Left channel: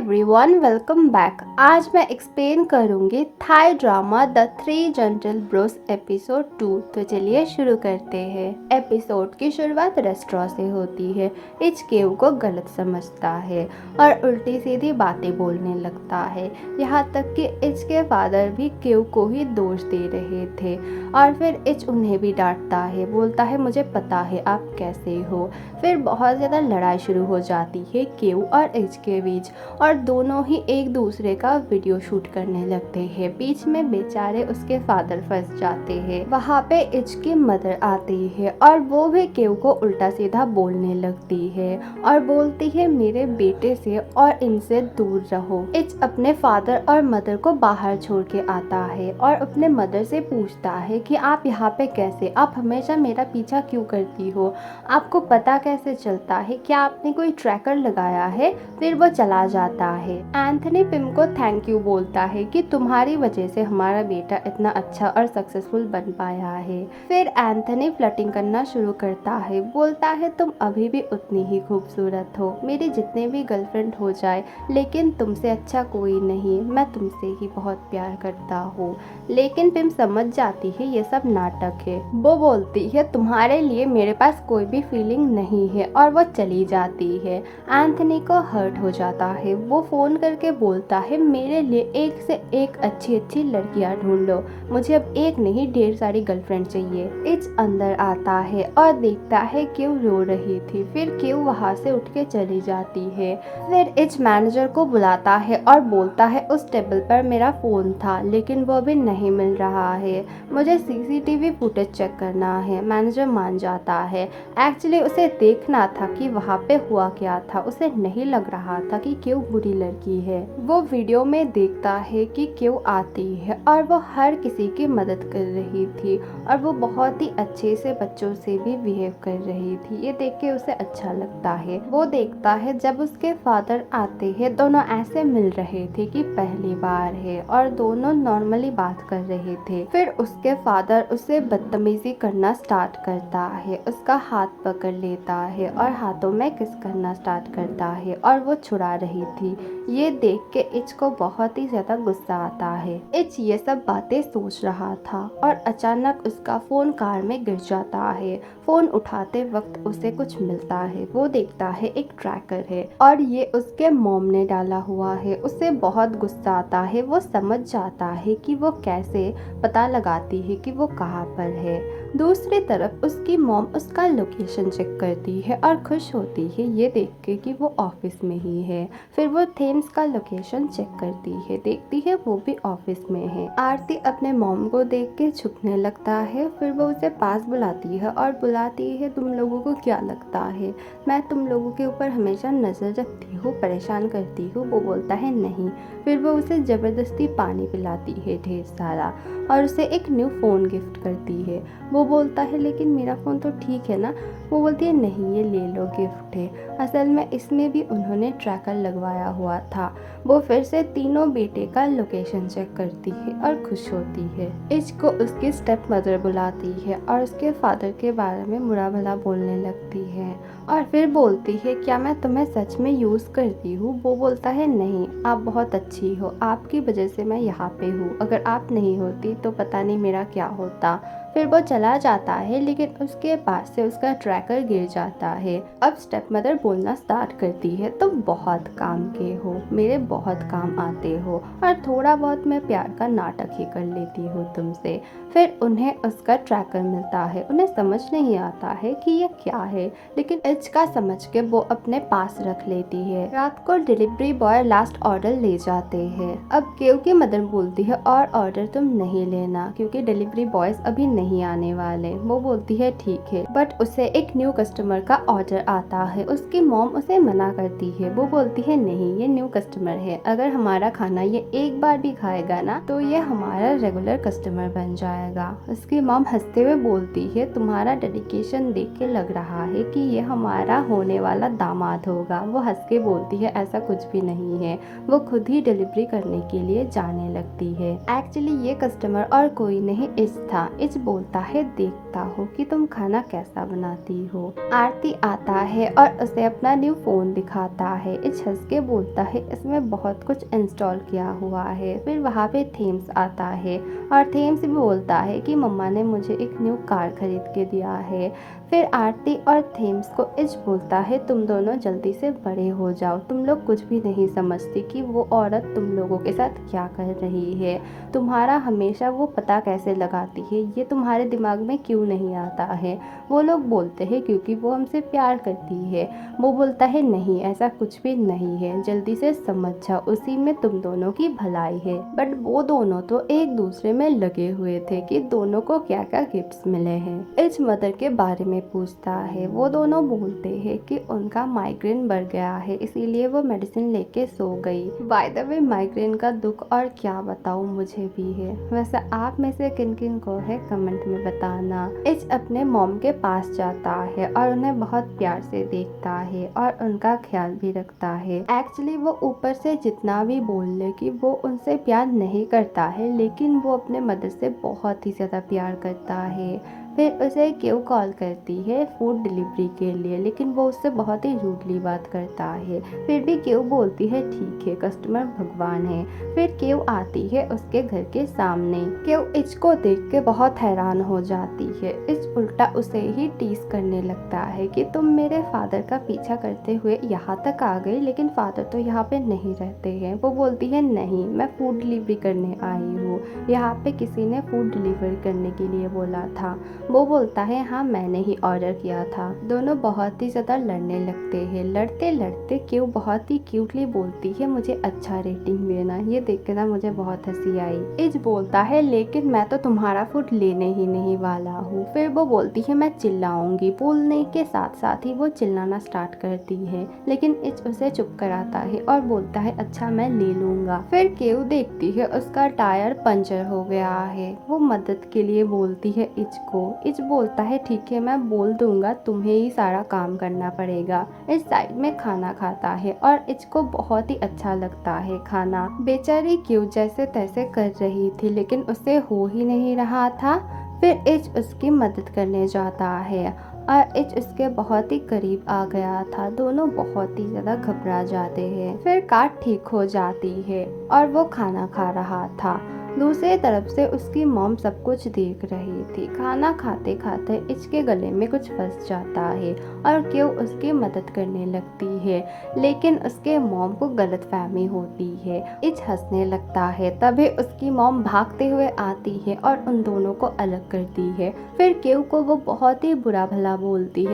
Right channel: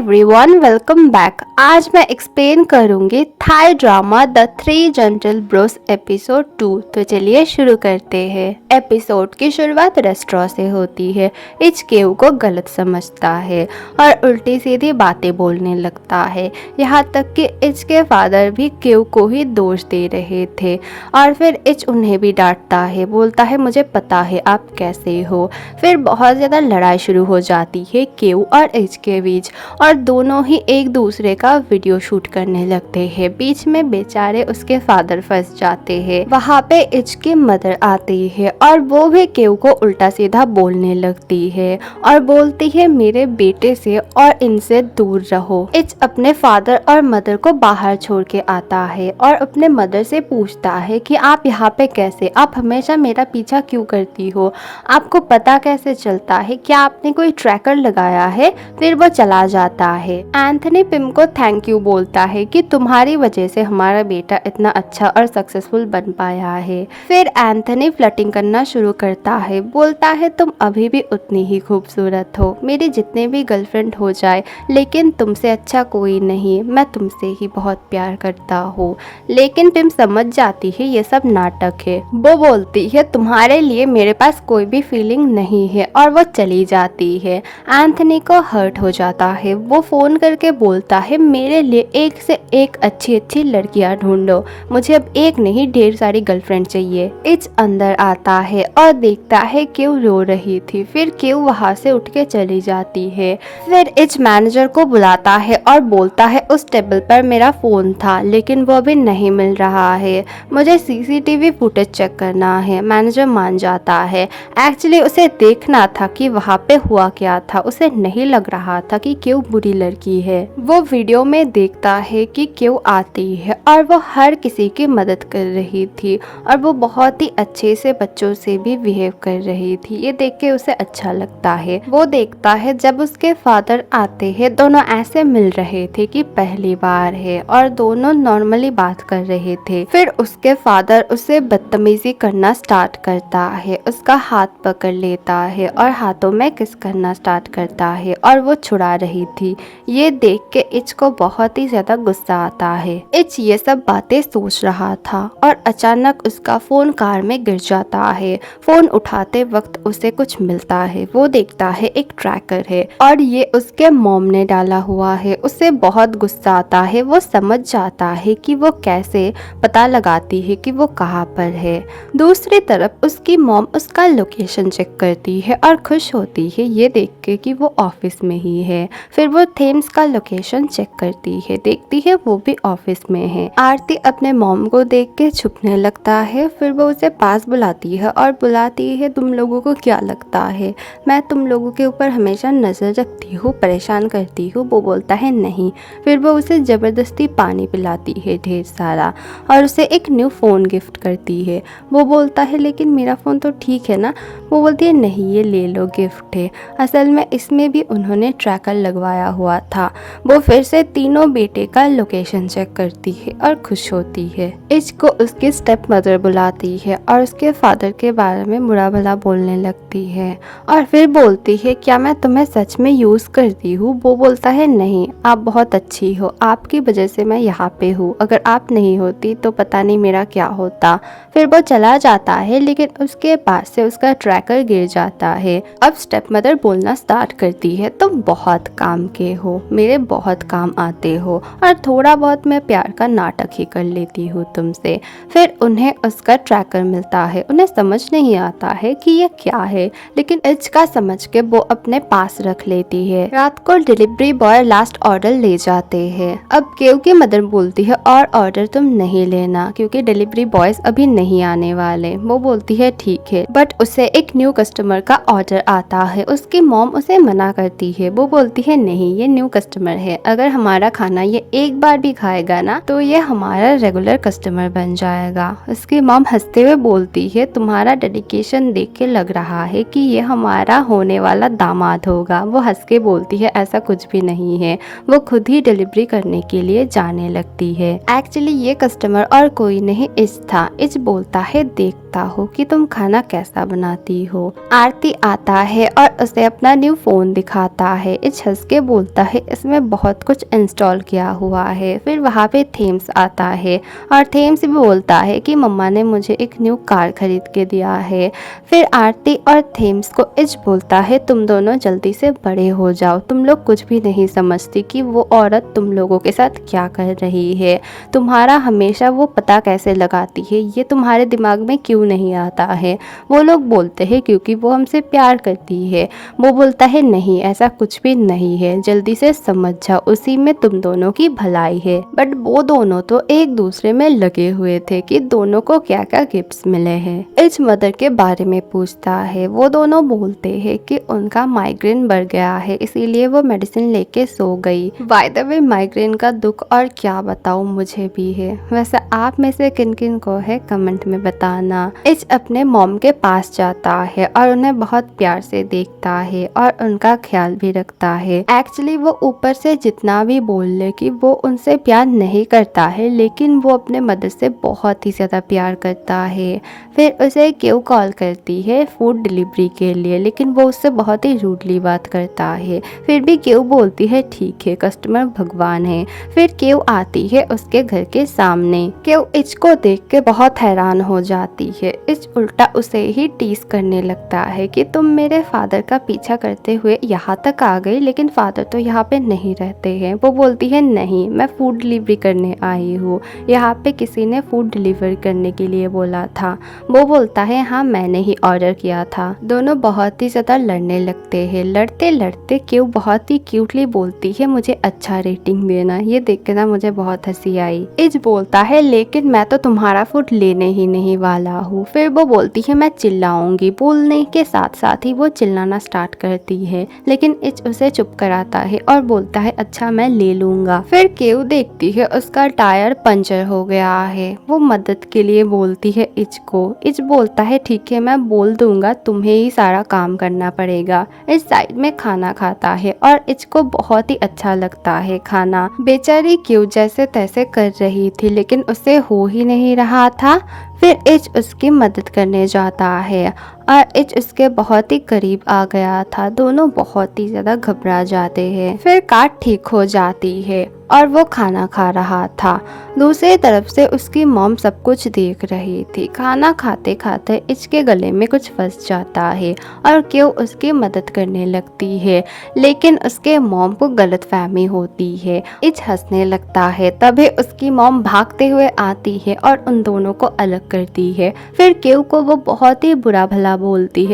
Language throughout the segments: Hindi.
Everyone, welcome back. आज मैं एक्सप्लेन करूंगी Thai drama The Three Gentle Bros episode 2। तो चलिए शुरू करते हैं। एपिसोड की शुरुआत रेस्टोरेंट से होती है। इच केव को गलत समझता है और उल्टी सीधी बातें बोलने लगता है। यहाँ तक कि इच के फादर भी केव को ही दोष दे रहे थे और फिर इच उन्हें भी डांटता है, बोलता है मुझे पता है आप कैसे हो। फिर बहुत ज़्यादा लड़ाई शुरू हो जाती है केव और इच के बीच और दोनों ही एक दूसरे का वीडियो शूट करने लगते हैं। बीच में बेचारे उसके फादर फंस जाते हैं। वहाँ पे इच की मदर आती है और वो भी केव को उल्टा सीधा बोलने लगती है और बोलती है मेरे बेटे से और इनसे दूर रहो। इच अपने फादर और मदर को बाहर छोड़ के आता है और अपने मदर से पूछता है कि आप यहाँ पे कैसे, आप हमेशा मेरा पीछा क्यों करती हो, आपको पता कैसे चलता है, क्या आपने कोई ट्रैकर लगाया है। फिर वो चला जाता है। एंथनी पिम को थैंक यू बोलता है कि तुम्हारी वजह से हमारा बेटा इतना अच्छा और सक्सेसफुल बन पाया है। फिर एंथनी फ्लर्टिंग करना शुरू करता है, बोलता है तुम अभी भी उतनी ही खूबसूरत हो, मेरी जितने भी गर्लफ्रेंड हो जाए लेकिन तुमसे अच्छा कोई नहीं, मैं तुमसे ही बहुत प्यार करता हूँ। लेकिन पिम समझ जाती है ये सब नाटक है। वो बोलती है तुम्हारे लिए मेरे पास कोई भी फीलिंग नहीं है और वो चली जाती है। एंथनी को हर्ट हो जाता है। वो फोन करके बोलता है मेरे लिए एक से एक अच्छी अच्छी लड़कियां ढूंढो, मुझे अब एक नहीं ढेर सारी गर्लफ्रेंड चाहिए। इच अंदर आता है और देखता है क्यों रो रही थी। फिर क्यों वहां से उठ के चली जाती है। फिर इच मैनेजर को बुलाता है और बोलता है उस टेबल पर मेरा फोन था लेकिन वो अभी नहीं मिल रहा है, मुझे सीसीटीवी फुटेज चेक करना है। मैनेजर मान जाता है। एक्चुअली उसे देखना था कि वहाँ पे हुआ क्या था, उसे नहीं लग रहा था कि क्यों बुरी लड़की है। वो वीडियो में देखता है कि क्यों आती है और वो हर किसी की मदद कर रही थी और वो बहुत ही अच्छे से बच्चों से भी बिहेव कर रही थी। ये देख के उसे अच्छा लगता है। वो देखता है जब उसके फादर आते हैं, दोनों ऐसे मिल रहे थे कि पहली बार है और दोनों नॉर्मली बात कर रहे थे। फिर उसके फादर उसे बदतमीजी करना स्टार्ट करता है, उसका हाथ पकड़ लेता है और हाथों में किस करना स्टार्ट करता है और वो छुड़ा रही थी। ये देख के इच को बहुत ही ज्यादा गुस्सा आता है। इच ये सब बातें सोच रहा था और अचानक उसका फोन कार में गिर जाता है। फोन उठाते वक्त उसे कुछ मिलता है। वो देखता है एक ट्रैकर है और ये उसके मॉम ने डाला हुआ है। उसे बहुत गुस्सा आता है। वो समझ जाता है कि वो कैसे पता लगाती है कि वो कहाँ पर है। दूसरी तरफ उसकी मॉम उसका लोकेशन चेक करती है और खुश होती है ये देख के कि वो ऑफिस में ही है। फिर वो थेम्स का लोकेशन चेक करती है, देखती है वो भी ऑफिस में है। आरती अपने मॉम को देख के छुपने लगता है। फिर वो उसे पास बुलाती है और बुलाती है तुम लोगों को क्या लगता है मैं तुम लोगों के ऊपर हमेशा नजर रखती हूँ, परेशान करती हूँ। वो बोलता है नहीं। फिर वो उसे जबरदस्ती पानी पिलाती है ढेर सारा और उसे एक न्यू फोन गिफ्ट करती है। वो बोलता है लेकिन मेरा फ़ोन तो ठीक है ना। वो बोलती है नहीं ये ले लो, गिफ्ट है, असल में इसमें भी उन्होंने ट्रैकर लगवाया हुआ था। वो फिर से तीनों बेटे का लोकेशन चेक करती है और खुश होती है। इच को उसकी स्टेप मदर बुलाती है और उसके फादर के बारे में बुरा भला बोलने लगती है और फिर बोलती है क्या मैं तुम्हें सच में यूज़ करती हूँ। वो बोलता है नहीं, आप बहुत अच्छी हो, आपकी वजह से मैं यहाँ पे हूँ, अगर आप नहीं होती तो पता नहीं मेरा क्या होता। फिर वो चला जाता है लेकिन उसके पास से उसका ट्रैकर गिर जाता है। अब स्टेप मदर बोलना स्टार्ट करती है तुम बहुत काम के हो, मेरे बहुत काम आते हो और थोड़ा बहुत मैं प्यार का नाटक ही कर लेती हूँ तुमसे। फिर उन्हें उसका ट्रैकर मिलता है। उन्हें समझ नहीं आता है कि ये क्या है लेकिन इच का समझ के वो अपने पास रख लेती है। रात को डिलीवरी बॉय लास्ट ऑर्डर ले जाते हैं। अब केव की मदर बोलती है और ऑर्डर तुम नहीं लेना क्योंकि डिलीवरी बॉयज अभी नहीं आने वाले। वो बोलती है ठीक है, बट उसे एक न्यू कस्टमर का ऑर्डर आता है। उसकी मॉम उसे मना करती है। वो बोलती है नहीं ये न्यू कस्टमर है, अगर हमारा खाना ये एक बार भी खाएगा ना तो ये हमारा रेगुलर कस्टमर बन जाएगा। उसकी मॉम हंसते हुए बोलती है तुम्हारा डेडिकेशन देख के लग रहा है कि ये हमारा होने वाला दामाद होगा। वो हंस के बोलती है ऐसा कुछ भी नहीं है। वो खुद ही डिलीवरी करने के लिए जाने लगती है। एक्चुअली ये कस्टमर और कोई नहीं इच था। इच बोलता है देखता हो कि तुम खाना कैसा बनाती हो। आरती आता है और उसे अपना न्यू फोन दिखाता है। इच हंस के के बोलता है इसमें बहुत कुछ इंस्टॉल किया हुआ है। फिर वहाँ पे थेम्स आता है और थेम्स भी बोलता है कि मम्मा ने मुझे एक न्यू कार खरीद के दिया है। फिर आरती और थेम्स को इच बोलता है तुम दोनों जल्दी से बड़े हो जाओ, तुम लोग कुछ भी नहीं समझती कि वो औरत तुम लोगों के साथ क्या कर रही है, तुम्हारा हमेशा वो पता कैसे लगाती है, ये तुम्हारे दिमाग में क्यों नहीं आता है। वो लोग बोलते हैं क्योंकि वो हमसे प्यार करती है। वो बोलता है नहीं ऐसा कुछ भी नहीं है, जल्दी से समझ जाओ, उसी में तुम दोनों की भलाई है। बट वो दोनों तो एक दूसरे में लगे हुए थे कि दोनों को क्या क्या गिफ्ट्स मिले हैं। इच मदर के बारे में पूछता है। वो दोनों बोलते हैं कि उनका माइग्रेन बढ़ गया है इसीलिए वो मेडिसिन लेके सो गई। बाय द वे माइग्रेन का दुख और क्या बताऊं मुझे भी है। वैसे आप में से किन किन को है कमेंट में बताना। इच अपने मॉम के पास जाता है और उन्हें बहुत प्यार से देखता है और उनका ख्याल भी रखता है। एक्चुअली वो ऊपर से जितना भी बोल ले कि वो उनसे प्यार नहीं करता है लेकिन वो अपने मदर से बहुत ही ज्यादा प्यार करता है। फिर उसे क्यों कॉल करती है फूड डिलीवरी के लिए, लेकिन वो उससे बहुत ही रूडली बात करता है। फिर भी क्यों बोलती है ठीक है कस्टमर भगवान है। फिर क्यों आती है उसके घर के सामने। क्यों इच को देख के बहुत हैरान हो जाती है। इच उल्टा उसे ही टीज करने लगता है कि तुम मेरे फादर का पीछा करते हुए यहाँ तक आ गई, लेकिन फादर तो यहाँ पे नहीं रहते हैं। वो बोलती है नहीं मैं फूड डिलीवरी करने आई हूँ, यहाँ पे किसी ने फूड डिलीवर करने के लिए बोला था। वो बोलता है हाँ मैंने ही ऑर्डर किया था। दोनों बहुत ही ज्यादा लड़ने लगते हैं। लड़ते लड़ते क्यों बहुत ही क्यूटली बोलती है मुझे अच्छा रेटिंग देना। ये देख के ना मुझे बहुत हंसी आई। इज बोलता है लेकिन मैं तो तुम्हारा फूड लेने ही नहीं वाला हूँ। फिर वो बोलती है मैं चिल्लाऊंगी। बोलने के साथ साथ ही वो चिल्लाना स्टार्ट करती है लेकिन इच उसे चुप कराता है और बोलता है अच्छा मैं ले लूंगा। फिर केव देखती है उसका टायर पंचर हो गया है। वो मदद के लिए बोलती है इच को। इच बोलता है ठीक है मैं बोल दूंगा, तुम्हें ही सारा काम करना पड़ेगा। इस साइड में खाना खाता है और इच को बहुत ही अच्छा लगता है खाना। बेचारी क्यों जैसे तैसे कर रही थी लेकिन उसे हो ही नहीं रहा था। फिर इच उसकी मदद करने जाता है और इच उसके बहुत ही करीब आ गया था। दोनों बहुत ही ज्यादा घबरा जाते हैं। फिर काट ठीक हो जाती है और वो खाना खा रहा था। दूसरी तरफ से उसकी मॉम सब कुछ देख रही थी। खाना खाते खाते इच के गले में कुछ फंस जाता है और क्यों उसकी मदद करने लगती है लेकिन उसके मॉम को गलतफहमी होती है। इच हंसने लगता है। तभी उसकी मॉम भागते हुए आती है और उन दोनों को अलग करती है। फिर क्यों को वो बहुत ही बुरा भला बोलती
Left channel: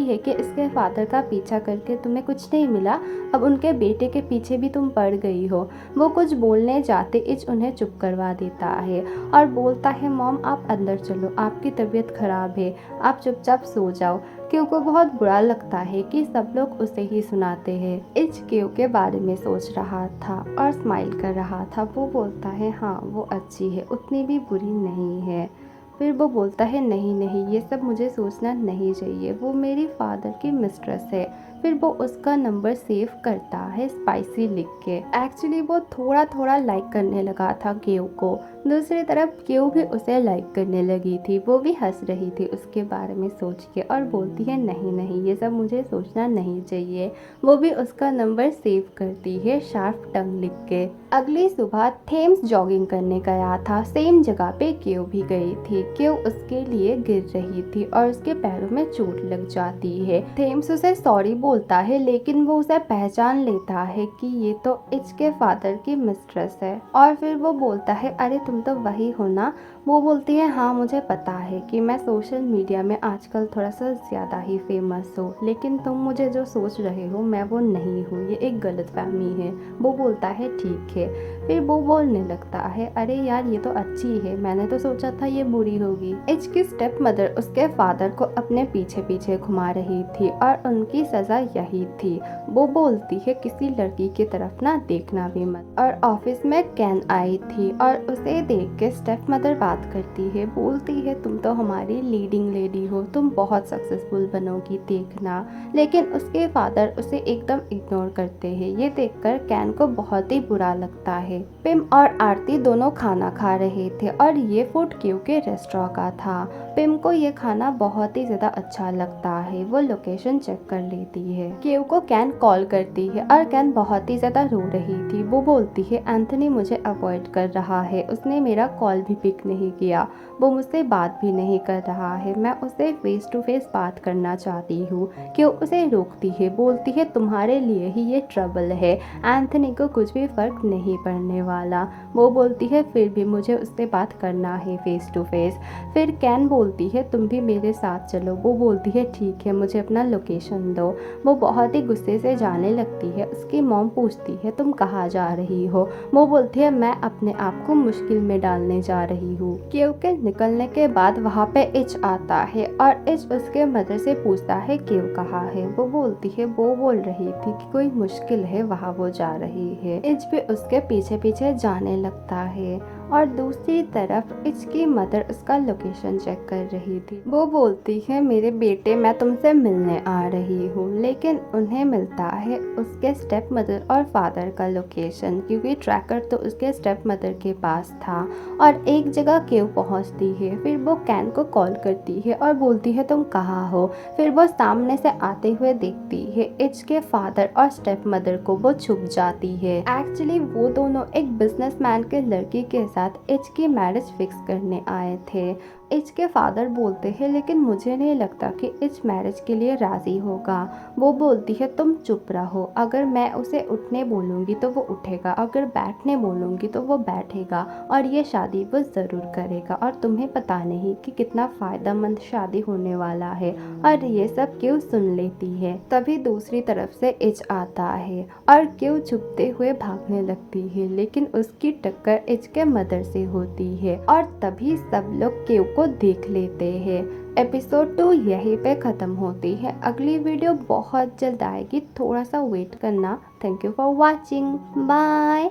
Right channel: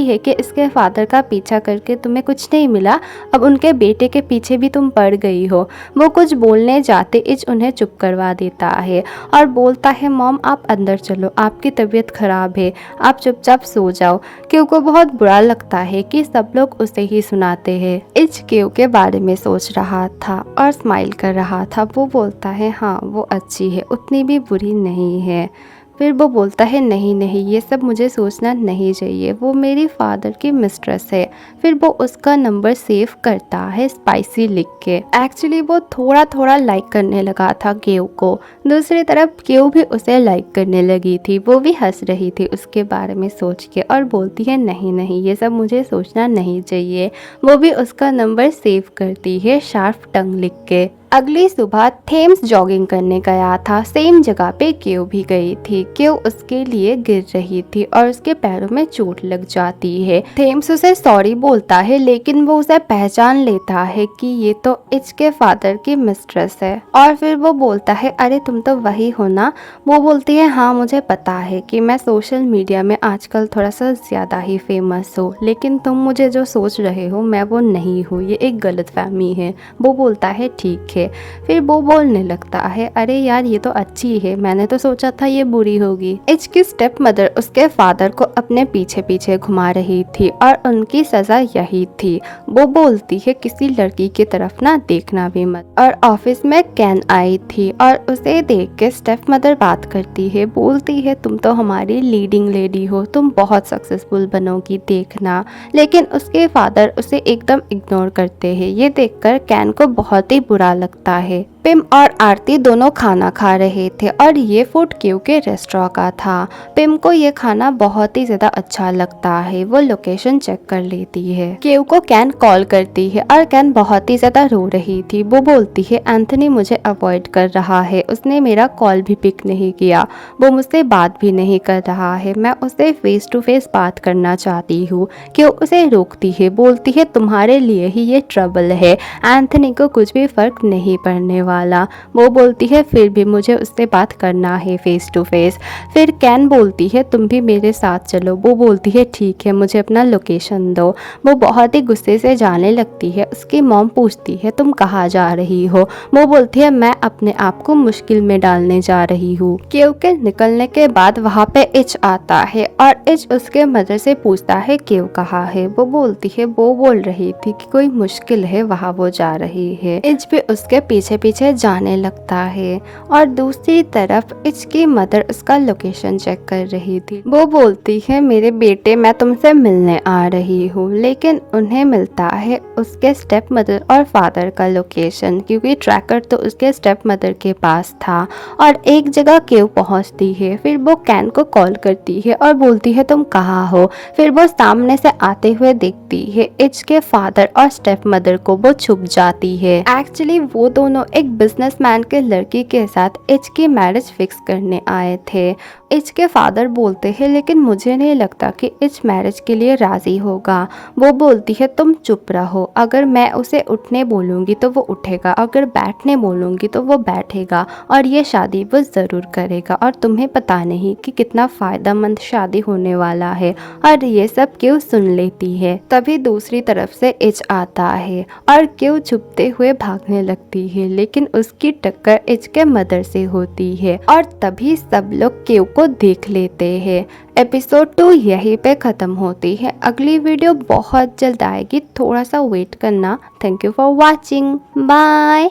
है कि इसके फादर का पीछा करके तुम्हें कुछ नहीं मिला, अब उनके बेटे के पीछे भी तुम पड़ गई हो। वो कुछ बोलने जाते इच उन्हें चुप करवा देता है और बोलता है मॉम आप अंदर चलो, आपकी तबीयत खराब है, आप चुपचाप सो जाओ। क्यों को बहुत बुरा लगता है कि सब लोग उसे ही सुनाते हैं। इच क्यों के बारे में सोच रहा था और स्माइल कर रहा था। वो बोलता है हाँ वो अच्छी है, उतनी भी बुरी नहीं है। फिर वो बोलता है नहीं नहीं ये सब मुझे सोचना नहीं चाहिए, वो मेरी फादर की मिस्ट्रेस है। फिर वो उसका नंबर सेव करता है स्पाइसी लिख के। एक्चुअली वो थोड़ा थोड़ा लाइक करने लगा था केव को। दूसरी तरफ केव भी उसे लाइक करने लगी थी। वो भी हंस रही थी उसके बारे में सोच के और बोलती है नहीं नहीं ये सब मुझे सोचना नहीं चाहिए। वो भी उसका नंबर सेव करती है शार्प टंग लिख के। अगली सुबह थेम्स जॉगिंग करने गया था। सेम जगह पे क्यों भी गई थी। क्यों उसके लिए गिर रही थी और उसके पैरों में चोट लग जाती है। थेम्स उसे सॉरी बोलता है लेकिन वो उसे पहचान लेता है कि ये तो इच के फादर की मिस्ट्रेस है। और फिर वो बोलता है अरे तुम तो वही हो ना। वो बोलती है हाँ मुझे पता है कि मैं सोशल मीडिया में आजकल थोड़ा सा ज्यादा ही फेमस हूँ, लेकिन तुम मुझे जो सोच रहे हो मैं वो नहीं हूँ, ये एक गलतफहमी है। वो बोलता है ठीक है। फिर वो बोलने लगता है अरे यार ये तो अच्छी है, मैंने तो सोचा था ये बुरी होगी। इच की स्टेप मदर उसके फादर को अपने पीछे पीछे घुमा रही थी और उनकी सजा यही थी। वो बोलती है किसी लड़की की तरफ ना देखना भी मत। और ऑफिस में कैन आई थी और उसे देख के स्टेप मदर बात करती है। बोलती है तुम तो हमारी लीडिंग लेडी हो, तुम बहुत सक्सेसफुल बनोगी देखना। लेकिन उसके फादर उसे एकदम इग्नोर करते हैं। ये देखकर कैन को बहुत ही बुरा लगता लगता है। पिम और आरती दोनों खाना खा रहे थे और ये फूड क्यू के रेस्टोरेंट का था। पिम को ये खाना बहुत ही ज्यादा अच्छा लगता है। वो लोकेशन चेक कर लेती है। क्यू को कैन कॉल करती है और कैन बहुत ही ज्यादा रो रही थी। वो बोलती है एंथनी मुझे अवॉइड कर रहा है, उसने मेरा कॉल भी पिक नहीं किया, वो मुझसे बात भी नहीं कर रहा है, मैं उससे फेस टू फेस बात करना चाहती हूँ। क्यू उसे रोकती है, बोलती है तुम्हारे लिए ही ये ट्रबल है, एंथनी को कुछ भी फर्क नहीं पड़ने वाला। वो बोलती है फिर भी मुझे उससे बात करना है फेस टू फेस। फिर कैन बोलती है तुम भी मेरे साथ चलो। वो बोलती है ठीक है, मुझे अपना लोकेशन दो। वो बहुत ही गुस्से से जाने लगती है। उसकी मॉम पूछती है तुम कहाँ जा रही हो। वो बोलती है मैं अपने आप को मुश्किल में डालने जा रही हूँ। क्योंकि निकलने के बाद वहाँ पे इच आता है और इच उसके मदर से पूछता है क्यों कहाँ है। वो बोलती है वो बोल रही थी कि कोई मुश्किल है, वहाँ वो जा रही है। इच भी उसके पीछे पीछे जाने लगता है और दूसरी तरफ इच की मदर उसका लोकेशन चेक कर रही थी। वो बोलती है मेरे बेटे मैं तुमसे मिलने आ रही हूँ, लेकिन उन्हें मिलता है उसके स्टेप मदर और फादर का लोकेशन, क्योंकि ट्रैकर तो उसके स्टेप मदर के पास था। और एक जगह क्यों पहुँचती है। फिर वो कैन को कॉल करती है और बोलती है तुम कहाँ हो। फिर वो सामने से आते हुए देखती है इच के फादर और स्टेप मदर को। वो छुप जाती है। एक्चुअली वो दोनों एक बिजनेसमैन के लड़की के साथ इच की मैरिज फिक्स करने आए थे। इच के फादर बोलते हैं लेकिन मुझे नहीं लगता कि इच मैरिज के लिए राजी होगा। वो बोलती है तुम चुप रहो, अगर मैं उसे उठने बोलूँगी तो वो उठेगा, अगर बैठने बोलूँगी तो वो बैठेगा और ये शादी वो ज़रूर करेगा और तुम्हें पता नहीं कि कितना फ़ायदेमंद शादी होने वाला है। और ये सब क्यों सुन लेती है। तभी दूसरी तरफ से इच आता है और क्यों छुपते हुए भागने लगती है, लेकिन उसकी टक्कर इच के मदर से होती है और तभी सब लोग क्यों को देख लेते हैं। एपिसोड 2 यहीं पे ख़त्म होती है। अगली वीडियो बहुत जल्द आएगी, थोड़ा सा वेट करना। Thank you for watching, bye.